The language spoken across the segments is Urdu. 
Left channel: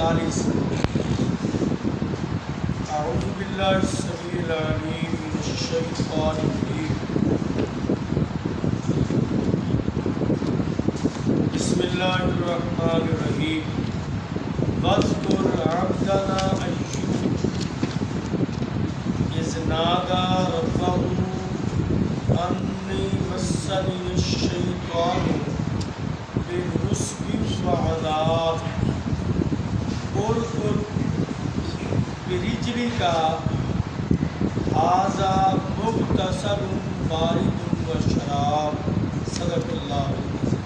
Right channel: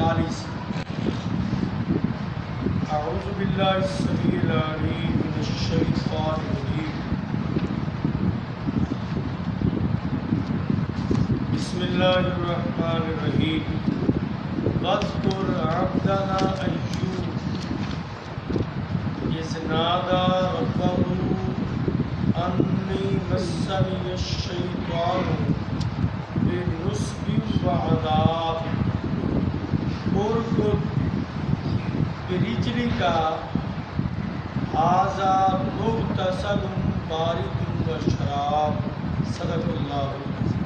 48۔ اعوذ باللہ السمیع العلیم من الشیطان الرجیم، بسم اللہ الرحمن الرحیم۔ واذکر عبدنا ایوب اذ نادى ربه انی مسنی الشیطان بنصب وعذاب۔ ارکض برجلک ھذا مغتسل بارد وشراب۔ صدق اللہ العظیم۔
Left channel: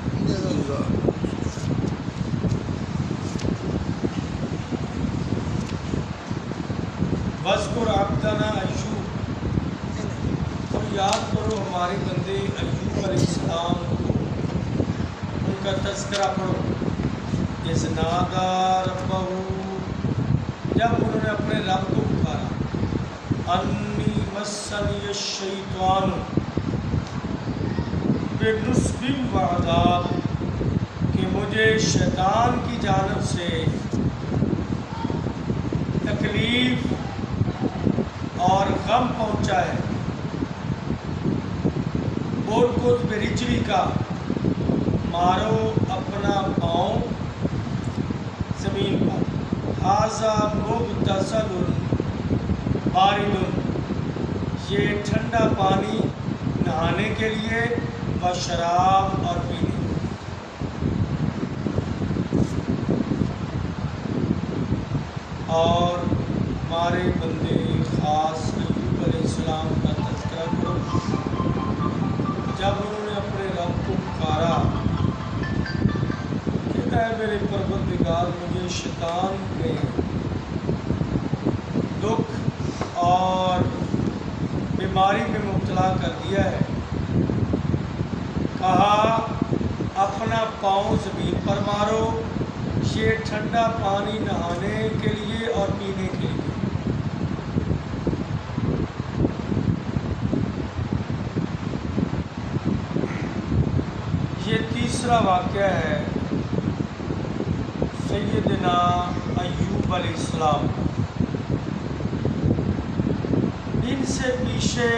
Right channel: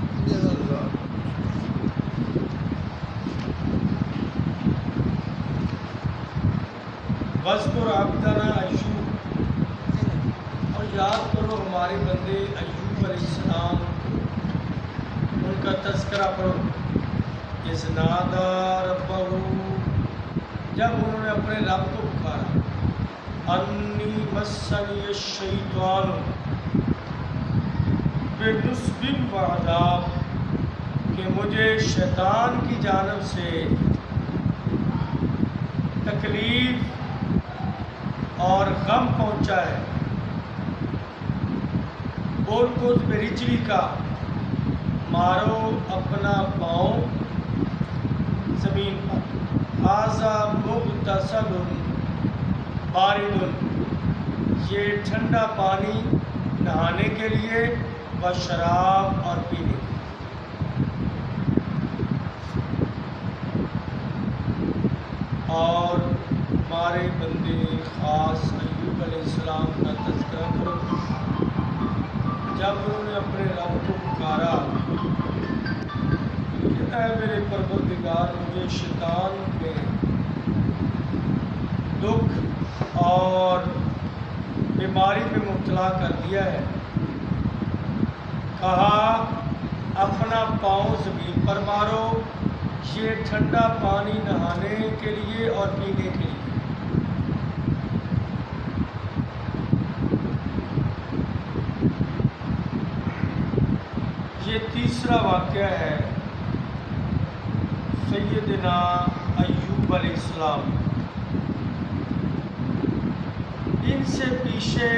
وَاذْكُرْ عَبْدَنَا ایوب، اور یاد کرو ہمارے بندے ایوب علیہ السلام کو، ان کا تذکرہ پڑھو۔ اِذْ نَادَىٰ رَبَّهُ، جب انہوں نے اپنے رب کو پکارا، اَنِّی مَسَّنِيَ الشَّيْطَانُ بِنُصْبٍ وَعَذَابٍ، کہ مجھے شیطان کی جانب سے تکلیف اور غم پہنچا ہے۔ ارکض برجلک، مارو اپنا پاؤں زمین پر، ھذا مغتسل بارد، یہ ٹھنڈا پانی نہانے کے لیے، وشراب اور پینے۔ اور ہمارے بندے خاص ایوب علیہ السلام کا تذکرہ کرو، جب انہوں نے اپنے رب کو پکارا کہ اے میرے پروردگار، مجھے شیطان نے دکھ اور بیماری میں مبتلا کر دیا ہے۔ کہا اپنا پاؤں زمین پر مارو، یہ ٹھنڈا پانی نہانے کے لیے اور پینے کے لیے۔ یہ تیسرا واقعہ ہے سیدنا ایوب علیہ السلام۔ ان سے پیچھے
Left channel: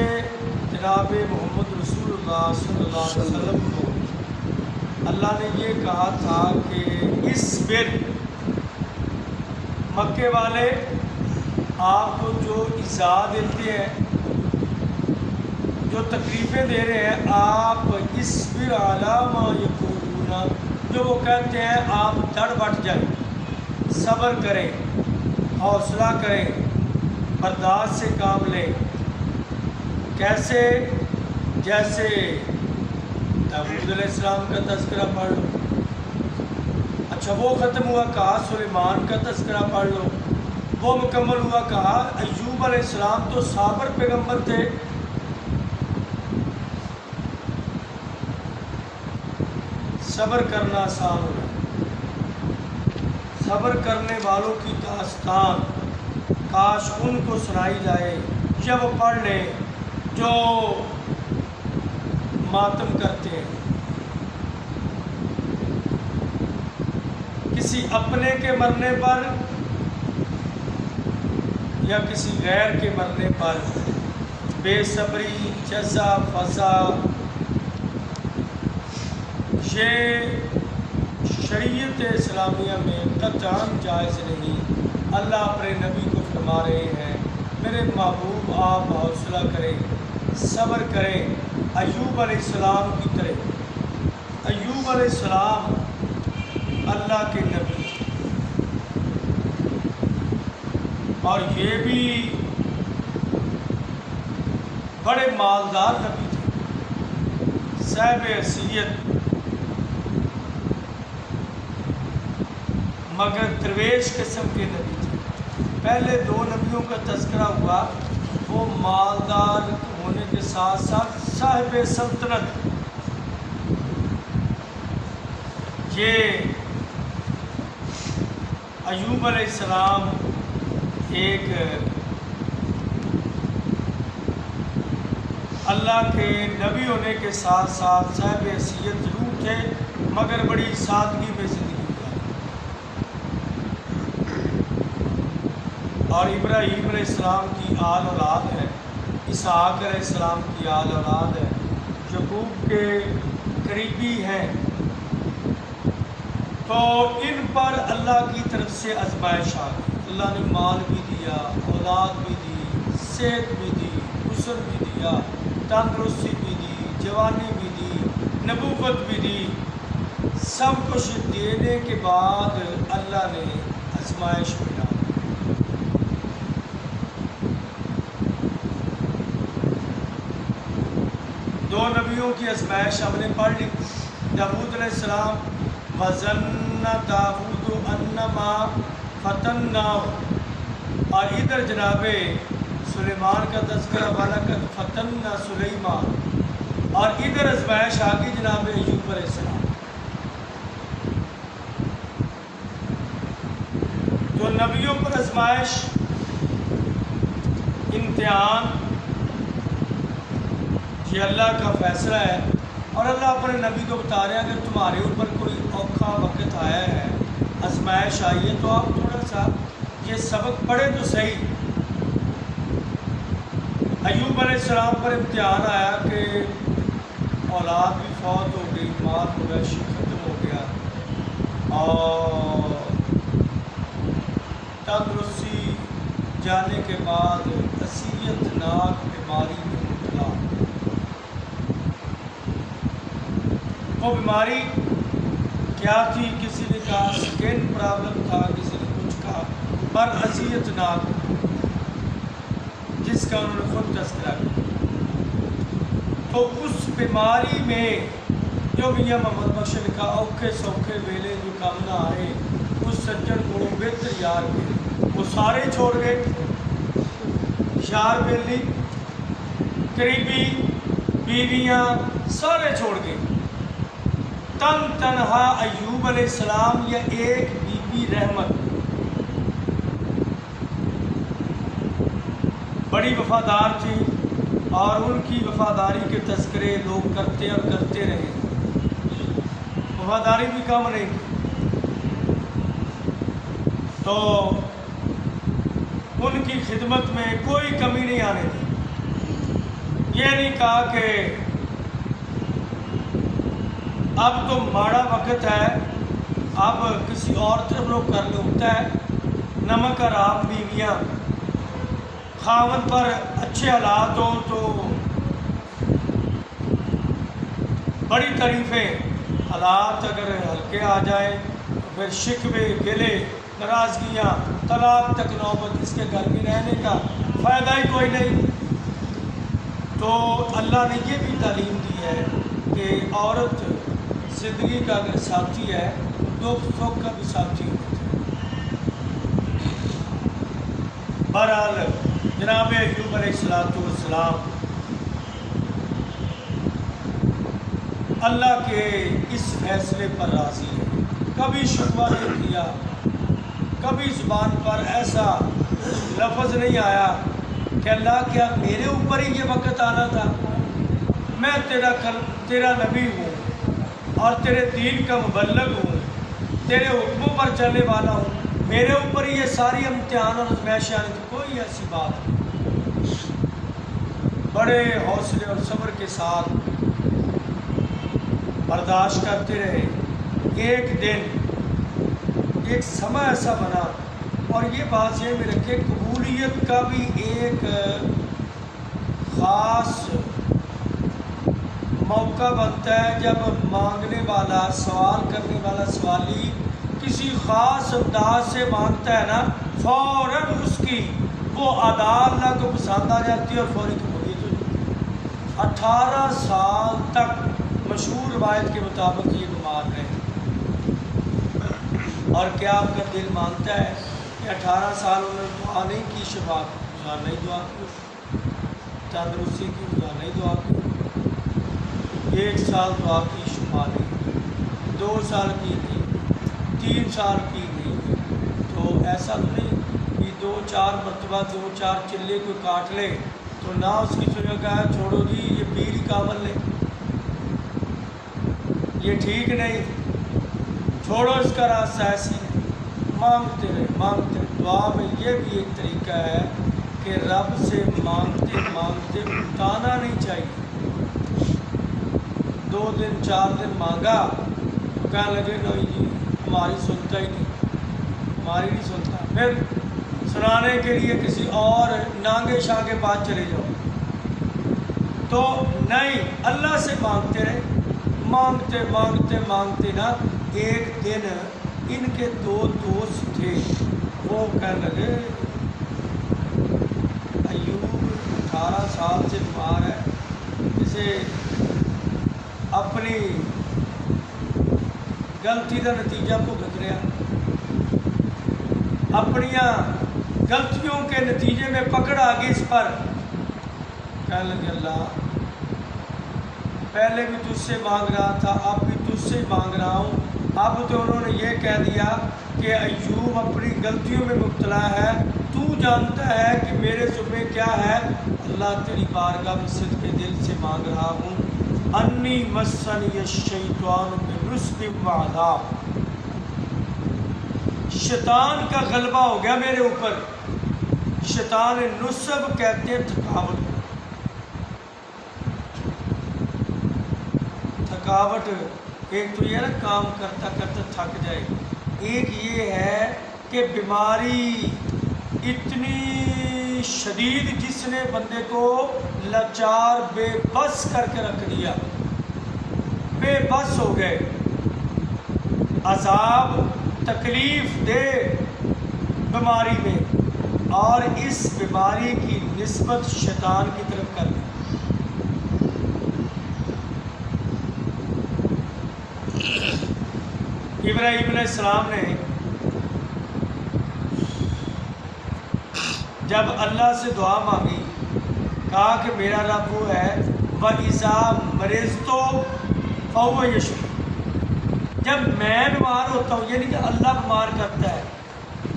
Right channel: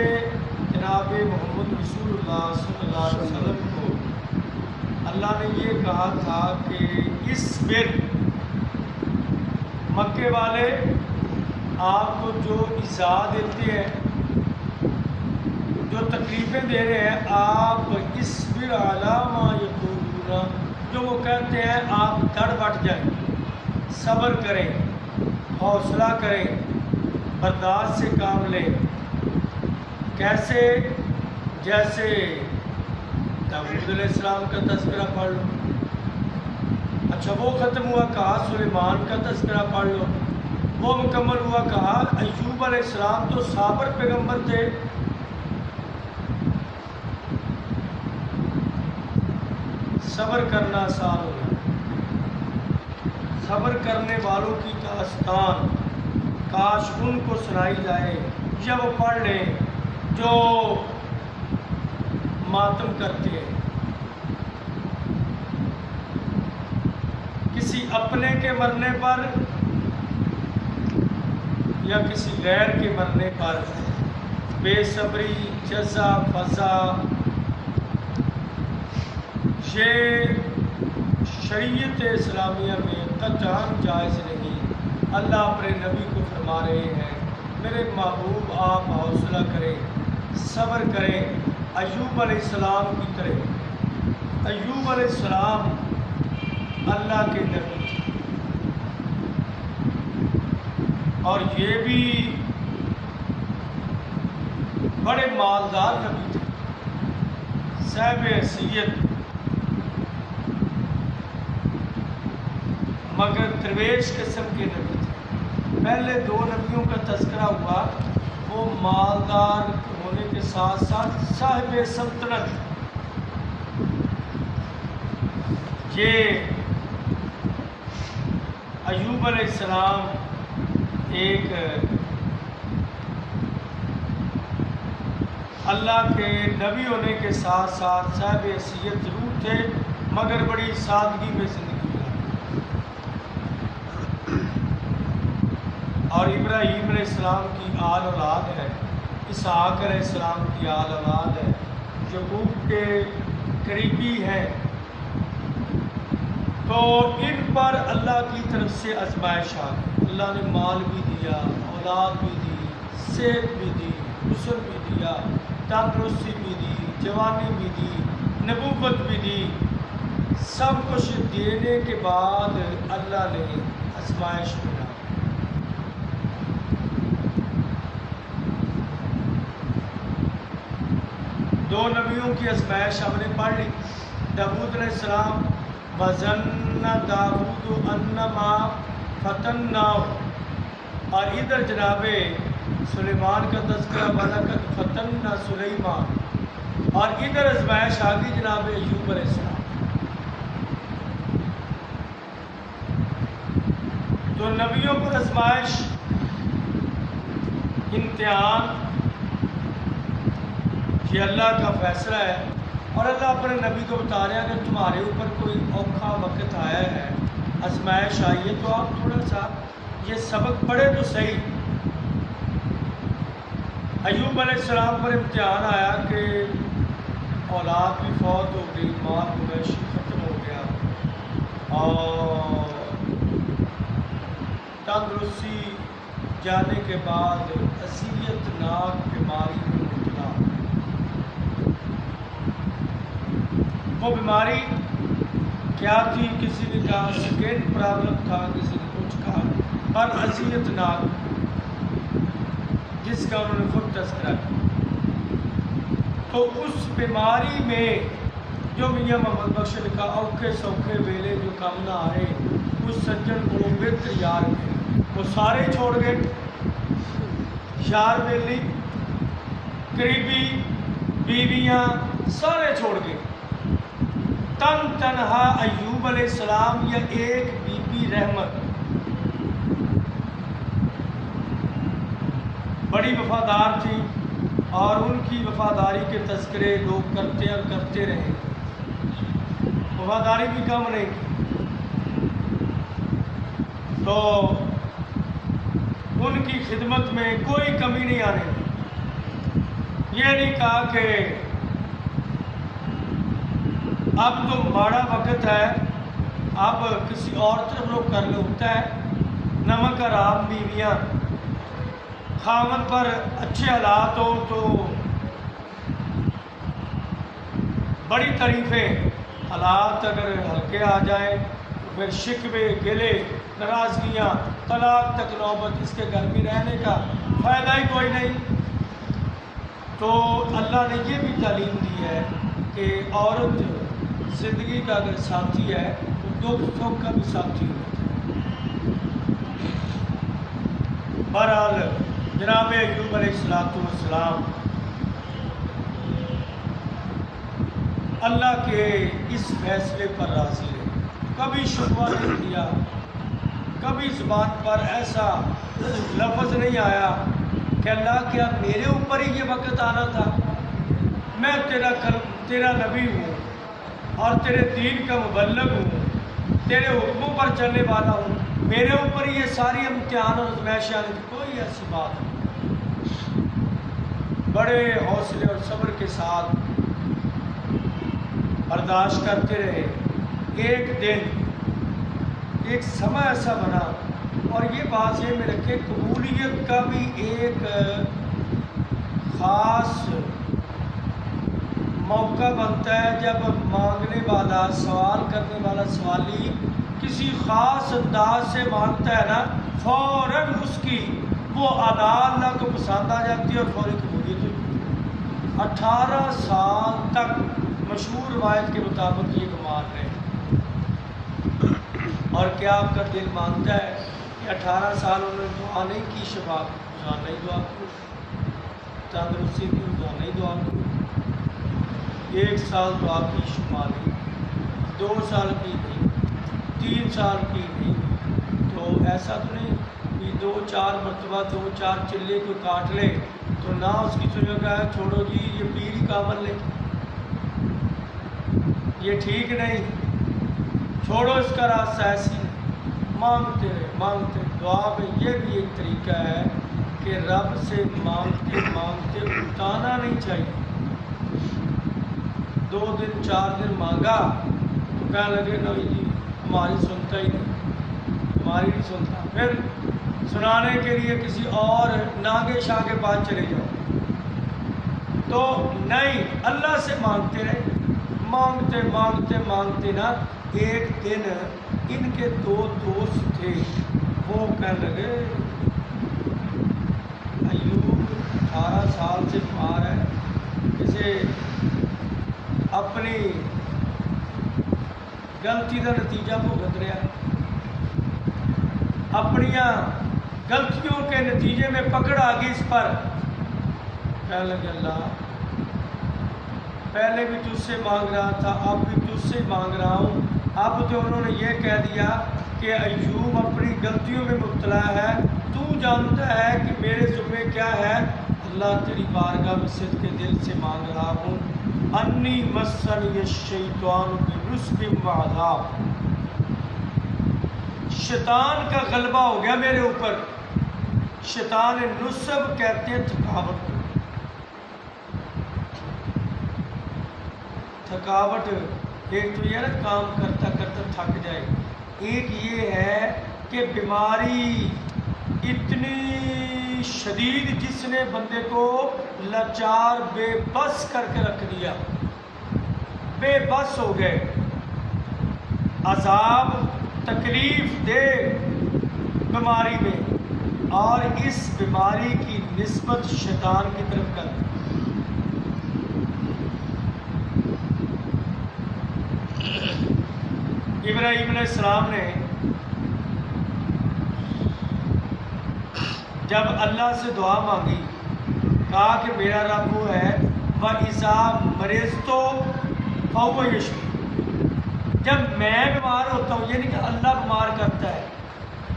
جناب محمد رسول اللہ صلی اللہ علیہ وسلم کو اللہ نے یہ کہا تھا کہ اصبر، مکے والے آپ کو جو ایذا دیتے ہیں، جو تکلیفیں دے رہے ہیں، آپ اصبر علی ما یقولون، جو وہ کہتے ہیں آپ ڈٹ بٹ جائیں، صبر کریں، حوصلہ کریں، برداشت سے کام لیں۔ کیسے؟ جیسے داؤد علیہ السلام کا تذکرہ پڑھ لو، اچھا وہ ختم ہوا، کہا سلیمان کا تذکرہ پڑھ لو، وہ مکمل ہوا، کہا ایوب علیہ السلام تو صابر پیغمبر تھے۔ صبر کرنا آسان ہو گیا، صبر کرنے والوں کی داستان کاش ان کو سنائی جائے یا وہ پڑھ لیں جو ماتم کرتے ہیں، کسی اپنے کے مرنے پر یا کسی غیر کے مرنے پر، بے صبری، جزا، فضا، یہ شریعت اسلامیہ میں قطعاً جائز نہیں۔ اللہ اپنے نبی کو فرما رہے ہیں، میرے محبوب آپ حوصلہ کریں، صبر کریں، ایوب علیہ السلام کی طرح۔ ایوب علیہ السلام اللہ کے نبی تھے، اور یہ بھی بڑے مالدار نبی تھے، صاحب حیثیت، مگر درویش قسم کے نبی تھے۔ پہلے دو نبیوں کا تذکرہ ہوا، وہ مالدار ہونے کے ساتھ ساتھ صاحب سلطنت۔ یہ ایوب علیہ السلام ایک اللہ کے نبی ہونے کے ساتھ ساتھ صاحب حیثیت ضرور تھے، مگر بڑی سادگی میں زندگی گزاری۔ اور ابراہیم علیہ السلام کی آل اولاد ہے، اسحاق علیہ السلام کی آل اولاد ہے، یعقوب کے قریبی ہیں، تو ان پر اللہ کی طرف سے آزمائش آ گئی۔ اللہ نے مال بھی دیا، اولاد بھی دی، صحت بھی دی، حسن بھی دیا، تندرستی بھی دی، جوانی بھی دی، نبوت بھی دی۔ سب کچھ دینے کے بعد اللہ نے آزمائش میں ڈالا۔ دو نبیوں کی آزمائش ہم نے پڑھ لی۔ داؤد علیہ السلام، وَظَنَّ دَاوُودُ أَنَّمَا فَتَنَّاهُ، اور ادھر جناب سلیمان کا تذکرہ، وَلَقَدْ فَتَنَّا سُلَيْمَانَ، اور ادھر آزمائش آ گئی جناب ایوب علیہ السلام۔ تو نبیوں پر آزمائش، امتحان، یہ اللہ کا فیصلہ ہے، اور اللہ اپنے نبی کو بتا رہے ہیں اگر تمہارے اوپر کوئی اوکھا وقت آیا ہے، آزمائش آئی ہے، تو آپ تھوڑا سا یہ سبق پڑھے تو صحیح۔ ایوب علیہ السلام پر امتحان آیا کہ اولاد بھی فوت ہو گئی، مال مویشی ختم ہو گیا، اور تندرستی جانے کے بعد اذیت ناک بیماری میں مبتلا۔ وہ بیماری کیا تھی؟ کسی نے کہا سکن پرابلم تھا، کسی نے کچھ کہا، پر اذیت ناک، جس کا انہوں نے خود تذکرہ کیا۔ تو اس بیماری میں جو میاں محمد بخش نے لکھا، اوکھے سوکھے ویلے جو کم نہ آئے، اس سجن کو بہتر یار کے، وہ سارے چھوڑ گئے، یار بیلی، قریبی، بیویاں، سارے چھوڑ گئے۔ تن تنہا ایوب علیہ السلام یا ایک بی بی رحمت، بڑی وفادار تھی، اور ان کی وفاداری کے تذکرے لوگ کرتے اور کرتے رہے، وفاداری بھی کم نہیں کی۔ تو ان کی خدمت میں کوئی کمی نہیں آنے دی۔ یہ نہیں کہا کہ اب تو ماڑا وقت ہے، اب کسی اور طرف لوگ کر لے، ہوتا ہے نمک حرام بیویاں، خاوند پر اچھے حالات ہو تو بڑی تعریفیں، حالات اگر ہلکے آ جائیں تو پھر شکوے، گلے، ناراضگیاں، طلاق تک نوبت، اس کے گھر میں رہنے کا فائدہ ہی کوئی نہیں۔ تو اللہ نے یہ بھی تعلیم دی ہے کہ عورت زندگی کا اگر ساتھی ہے تو دکھ سکھ کا بھی ساتھی ہوتا ہے۔ بہرحال جناب ایوب علیہ السلام اللہ کے اس فیصلے پر راضی رہے، کبھی شکوہ نہیں کیا، کبھی زبان پر ایسا لفظ نہیں آیا کہ اللہ کیا میرے اوپر ہی یہ وقت آنا تھا؟ میں تیرا نبی ہوں اور تیرے دین کا مبلغ ہوں، تیرے حکموں پر چلنے والا ہوں، میرے اوپر ہی یہ ساری امتحان اور آزمائشیں آنی تھی؟ کوئی ایسی بات نہیں۔ بڑے حوصلے اور صبر کے ساتھ برداشت کرتے رہے۔ ایک دن ایک سمے ایسا بنا، اور یہ بات یہ میں رکھے، قبولیت کا بھی ایک خاص موقع بنتا ہے جب مانگنے والا، سوال کرنے والا سوالی کسی خاص انداز سے مانگتا ہے نا، فوراً اس کی وہ ادا اللہ کو پسند آ جاتی ہے اور فوری قبولیت ہو جاتی ہے۔ 18 سال تک مشہور روایت کے مطابق یہ بیمار رہے، اور کیا آپ کا دل مانتا ہے کہ 18 سال انہوں نے دعا نہیں کی، شفا کی روزانہ ہی دعا کی، تندرستی کی روزانہ ہی دعا کی، 1 سال دعا کی شفا نہیں، 2 سال کی نہیں، 3 سال کی نہیں، تو ایسا تو نہیں کہ 2-4 مرتبہ 2-4 چلے کو کاٹ لے تو نہ اس کی سنیں کہا چھوڑو جی یہ پیر ہی کامل لے، یہ ٹھیک نہیں، چھوڑو اس کا راستہ، ایسی نہیں۔ مانگتے رہے مانگتے رہے۔ دعا میں یہ بھی ایک طریقہ ہے کہ رب سے مانگتے مانگتے اٹھانا نہیں چاہیے۔ 2 دن 4 دن مانگا تو کہنے لگے نہیں جی ہماری سنتا ہی نہیں، ہماری نہیں سنتا، پھر سنانے کے لیے کسی اور نانگے شاہ کے پاس چلے جاؤ۔ تو نہیں، اللہ سے مانگتے رہے، مانگتے مانگتے مانگتے نا ایک دن ان کے 2 دوست تھے، وہ کہنے لگے ایوب 18 سال سے بیمار ہے، اسے اپنی غلطی کا نتیجہ بھگت رہا، اپنیاں غلطیوں کے نتیجے میں پکڑ آ گئی اس پر۔ کہنے لگے اللہ پہلے بھی تجھ سے مانگ رہا تھا، اب بھی تجھ سے مانگ رہا ہوں۔ اب تو انہوں نے یہ کہہ دیا کہ ایوب اپنی غلطیوں میں مبتلا ہے، تو جانتا ہے کہ میرے ذمہ کیا ہے۔ اللہ تیری بارگاہ میں صدق کے دل سے مانگ رہا ہوں، انی مسنی الشیطان بنصب وعذاب، شیطان کا غلبہ ہو گیا میرے اوپر۔ شیطان نصب کہتے ہیں تھکاوٹ، تھکاوٹ ایک تو یہ نا کام کرتا کرتا تھک جائے، ایک یہ ہے کہ بیماری اتنی شدید جس نے بندے کو لاچار بے بس کر کے رکھ دیا، بے بس ہو گئے، عذاب تکلیف دے بیماری میں، اور اس بیماری کی نسبت شیطان کی طرف کر دی۔ ابراہیم علیہ السلام نے جب اللہ سے دعا مانگی، کہا کہ میرا رب وہ ہے وَإِذَا مَرِضْتُ فَهُوَ يَشْفِينِ، جب میں بیمار ہوتا ہوں، یہ نہیں کہ اللہ بیمار کرتا ہے،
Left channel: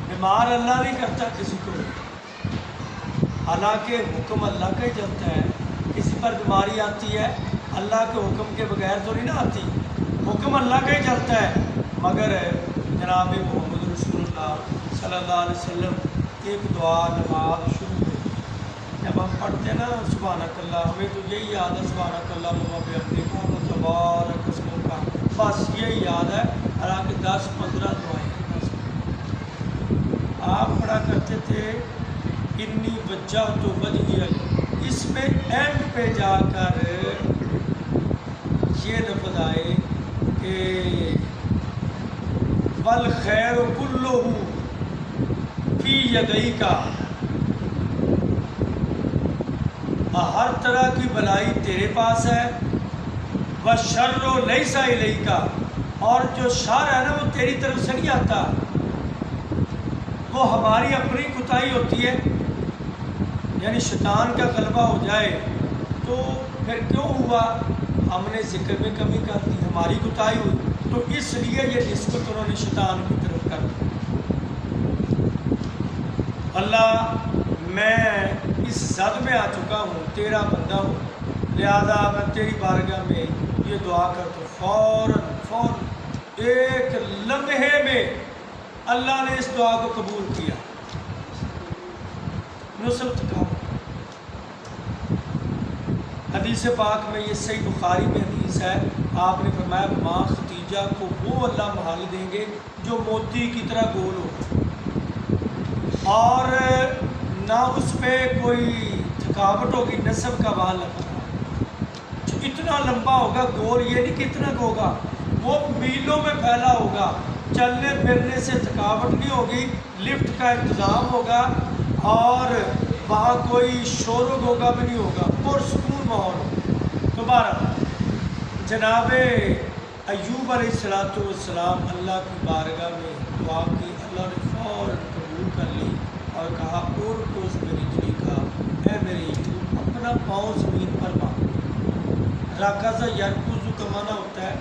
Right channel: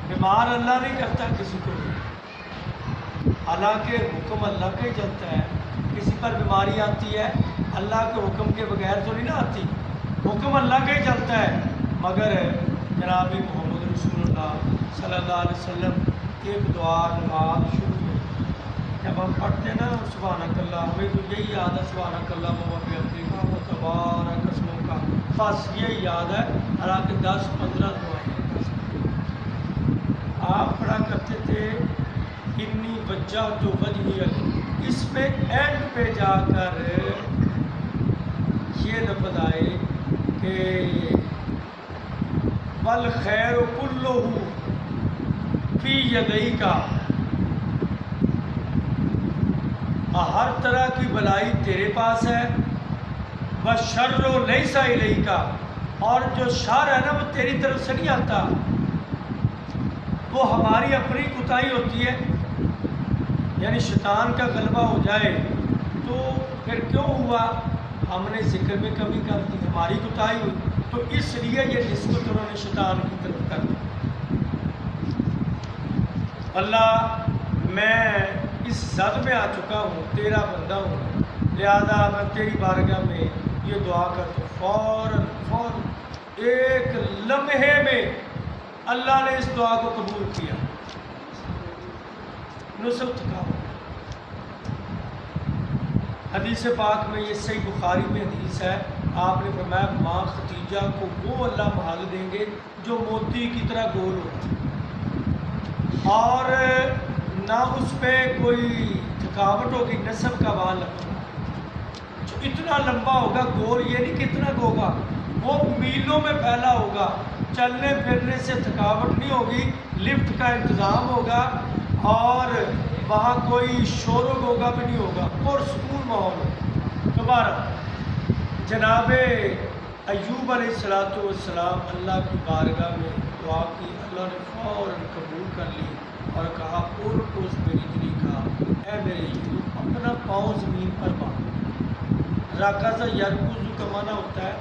بیمار اللہ نہیں کرتا کسی کو بھی، حالانکہ حکم اللہ کا ہی چلتا ہے۔ کسی پر بیماری آتی ہے اللہ کے حکم کے بغیر تو نہیں نا آتی، حکم اللہ کا ہی چلتا ہے، مگر جناب محمد رسول اللہ صلی اللہ علیہ وسلم ایک دعا نماز شروع میں جب ہم پڑھتے ہیں نا سبحانک اللہ، ہمیں تو یہی یاد ہے سبحانک اللہ و بحمدک و تبارک اسمک کا، بس یہی یاد ہے، حالانکہ 10-15 دعائیں ہیں۔ آپ پڑھا کرتے تھے انی وجہت وجہی، اس میں اینڈ پہ جا کر یہ لفظ آئے کہ والخیر کلہ فی یدیک، ہر طرح کی بلائی تیرے پاس ہے، والشر لیس الیک، اور جو شر ہے نا وہ تیری طرف سے نہیں آتا، وہ ہماری اپنی کوتاہی ہوتی ہے، یعنی شیطان کا غلبہ ہو جائے تو پھر کیوں ہوا، ہم نے ذکر میں کمی کر دی، ہماری کوتاہی ہوئی، تو اس لیے یہ نسبت انہوں نے شیطان کی طرف کر دی۔ اللہ میں اس زد میں آ چکا ہوں، تیرا بندہ ہوں، لہذا میں تیری بارگاہ میں یہ دعا کرتا ہوں۔ فوراً ایک لمحے میں اللہ نے اس دعا کو قبول کیا، نصب تھکاوٹ۔ حدیث پاک میں یہ صحیح بخاری میں حدیث ہے، آپ نے فرمایا ماں ختیجہ کو وہ اللہ محل دیں گے جو موتی کی طرح گول ہو، اور نہ اس پہ کوئی تھکاوٹ ہوگی، نسب کا بال جو اتنا لمبا ہوگا، گول یہ نہیں کتنا ہوگا، وہ میلوں میں پھیلا ہوگا، چلنے پھرنے سے تھکاوٹ نہیں ہوگی، لفٹ کا انتظام ہوگا، اور وہاں کوئی شور و غوغا بھی نہیں ہوگا، پرسکون ماحول ہوگا۔ دوبارہ جناب ایوب علیہ السلام اللہ کی بارگاہ میں دعا کی، اللہ نے فوراً قبول کر لی اور کہا اور کوس برجلی کا، اے میرے ایوب اپنا پاؤں زمین پر مار۔ راکزہ یرکزو کا معنی ہوتا ہے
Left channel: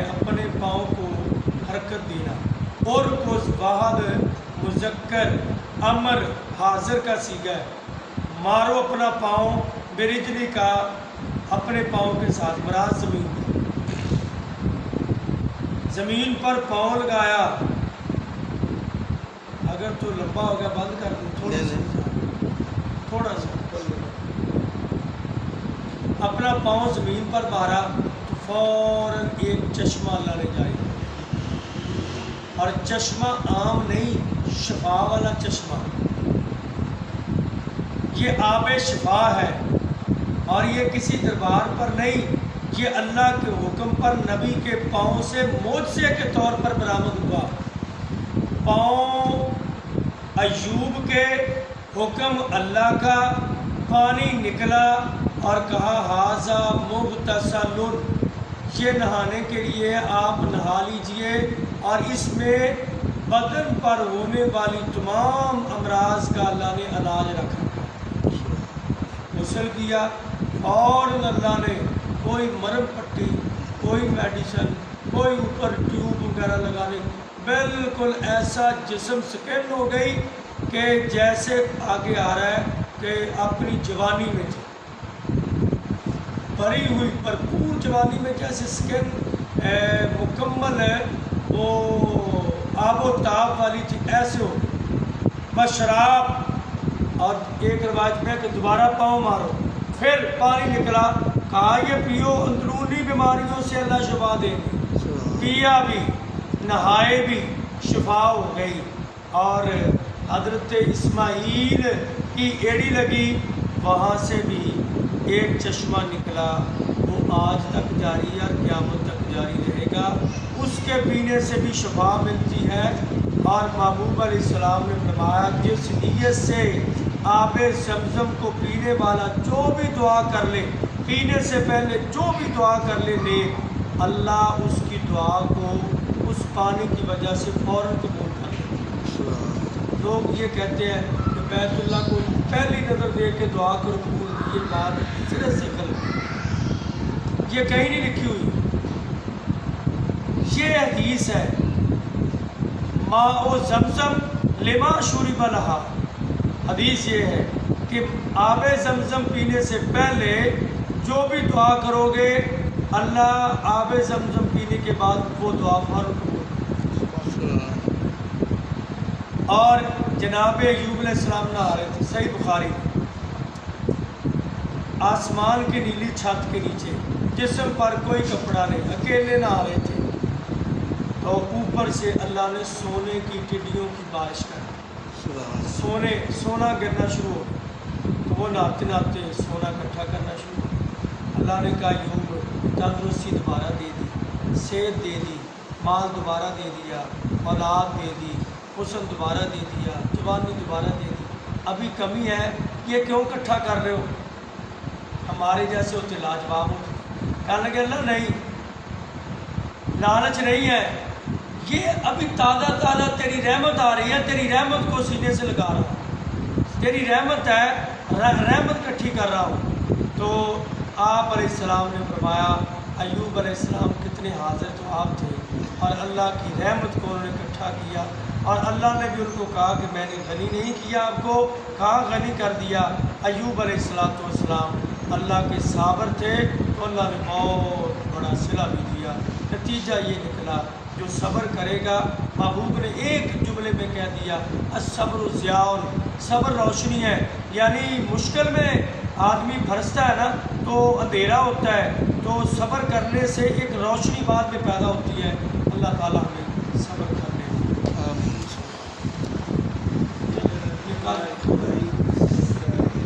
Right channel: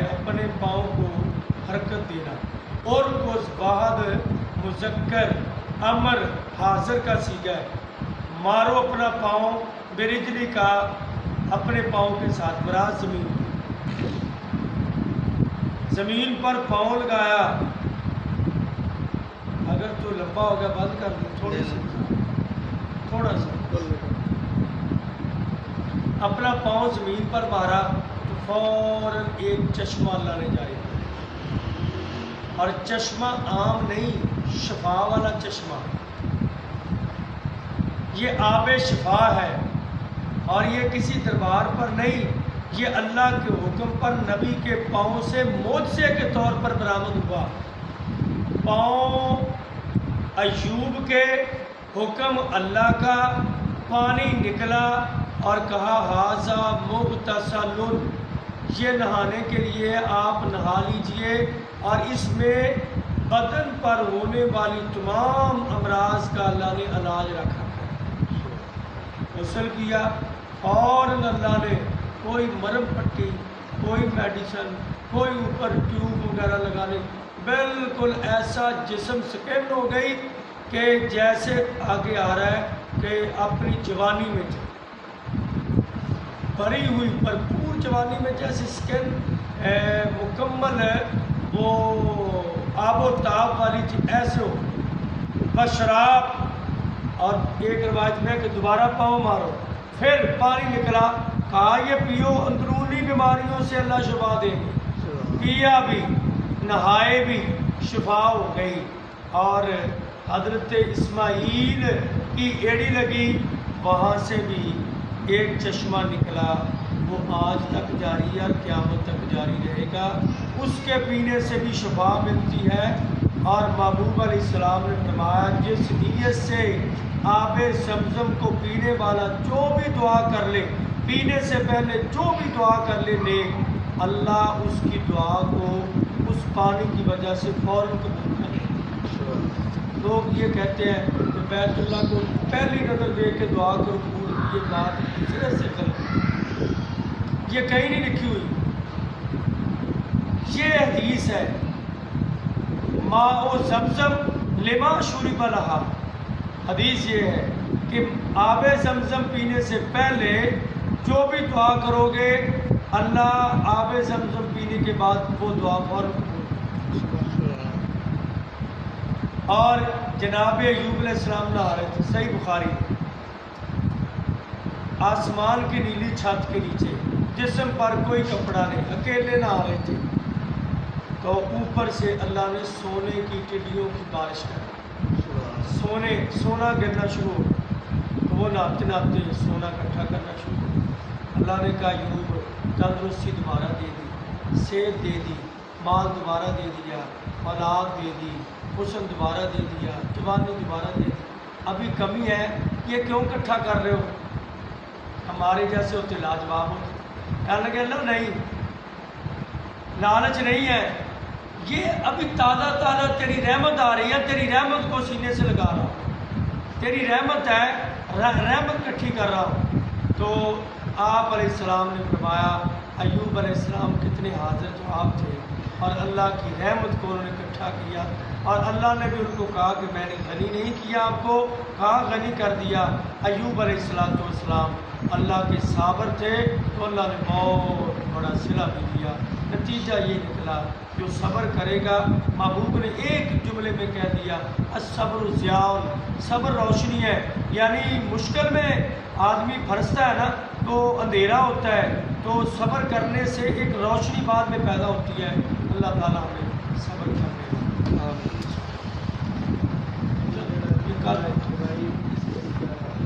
اپنے پاؤں کو حرکت دینا، اور کوس واحد مذکر امر حاضر کا صیغہ ہے، مارو اپنا پاؤں، برجلی کا اپنے پاؤں کے ساتھ، مراد زمین پر، زمین پر پاؤں لگایا، اگر تو لمبا ہو گیا بند کر دوں تھوڑا سا اپنا پاؤں زمین پر مارا تو فوراً ایک چشمہ اللہ نے جاری کر دیا، اور چشمہ عام نہیں، شفا والا چشمہ، یہ آب شفا ہے، اور یہ کسی دربار پر نہیں، یہ اللہ کے حکم پر نبی کے پاؤں سے معجزے کے طور پر برآمد ہوا۔ پاؤں ایوب کے حکم اللہ کا، پانی نکلا اور کہا ھذا مغتسل، یہ نہانے کے لیے آپ نہا لیجئے، اور اس میں بدن پر ہونے والی تمام امراض کا اللہ نے علاج رکھا۔ غسل کیا، فوراً اللہ نے کوئی مرم پٹی، کوئی میڈیسن، کوئی اوپر ٹیوب وغیرہ لگانے، بالکل ایسا جسم سکن ہو گئی کہ جیسے آگے آ رہا ہے کہ اپنی جوانی میں تھے، بھری ہوئی بھرپور جوانی میں جیسے سکن مکمل ہے وہ آب و تاب والی تھی، ایسے ہو گئی بشراب۔ اور ایک روایت میں کہ دوبارہ پاؤں مارو، پھر پانی نکلا، کہا یہ پیو، اندرونی بیماریوں سے اللہ شفا دے گی۔ پیا بھی، نہائے بھی، شفا ہو گئی۔ اور حضرت اسماعیل کی ایڑی لگی، وہاں سے بھی ایک چشمہ نکلا، وہ آج تک جاری ہے اور قیامت تک جاری رہے گا، اس کے پینے سے بھی شفا ملتی ہے۔ اور محبوب علیہ السلام نے فرمایا جس نیت سے آب زمزم کو پینے والا جو بھی دعا کر لے، پینے سے پہلے جو بھی دعا کر لے نیک، اللہ اس کی دعا کو اس پانی کی وجہ سے فوراً قبول کر لے۔ لوگ یہ کہتے ہیں کہ بیت اللہ کو پہلی نظر دیکھ کے دعا کو قبول کی، یہ بات سرے سے غلط ہے، یہ کہیں نہیں لکھی ہوئی۔ یہ حدیث ہے ماء زمزم لما شرب لہا، حدیث یہ ہے کہ آب زمزم پینے سے پہلے جو بھی دعا کرو گے اللہ آب زمزم پینے کے بعد وہ دعا فوراً قبول کرے۔ اور جناب ایوب علیہ السلام نہا رہے تھے، صحیح بخاری، آسمان کی نیلی چھت کے نیچے، جسم پر کوئی کپڑا نہیں، اکیلے نہا رہے تھے، تو اوپر سے اللہ نے سونے کی ٹڈیوں کی بارش کر دی، سونا گرنا شروع ہو گیا، تو وہ نہاتے نہاتے سونا اکٹھا کرنا شروع ہو گیا۔ اللہ نے کہا ایوب تندرستی دوبارہ دے دی، صحت دے دی، مال دوبارہ دے دیا، اولاد دے دی، حسن دوبارہ دے دیا، جوانی دوبارہ دے دی، ابھی کمی ہے، یہ کیوں اکٹھا کر رہے ہو؟ ہمارے جیسے ہوتے لاجواب ہوتے، کہنے لگے اللہ نہیں، لالچ نہیں ہے، یہ ابھی تازہ تازہ تیری رحمت آ رہی ہے، تیری رحمت کو سینے سے لگا رہا ہوں، تیری رحمت ہے، رحمت اکٹھی کر رہا ہوں۔ تو آپ علیہ السلام نے فرمایا ایوب علیہ السلام کتنے حاضر تو آپ تھے، اور اللہ کی رحمت کو انہوں نے اکٹھا کیا، اور اللہ نے بھی ان کو کہا کہ میں نے غنی نہیں کیا آپ کو، کہا غنی کر دیا۔ ایوب علیہ السلام اللہ کے صابر تھے، تو اللہ نے بہت بڑا صلہ بھی دیا۔ نتیجہ یہ نکلا جو صبر کرے گا، محبوب نے ایک جملے میں کہہ دیا الصبر ضیاء، صبر روشنی ہے، یعنی مشکل میں آدمی پھنستا ہے نا تو اندھیرا ہوتا ہے، تو صبر کرنے سے ایک روشنی بعد میں پیدا ہوتی ہے۔ اللہ تعالیٰ ہمیں صبر کرنے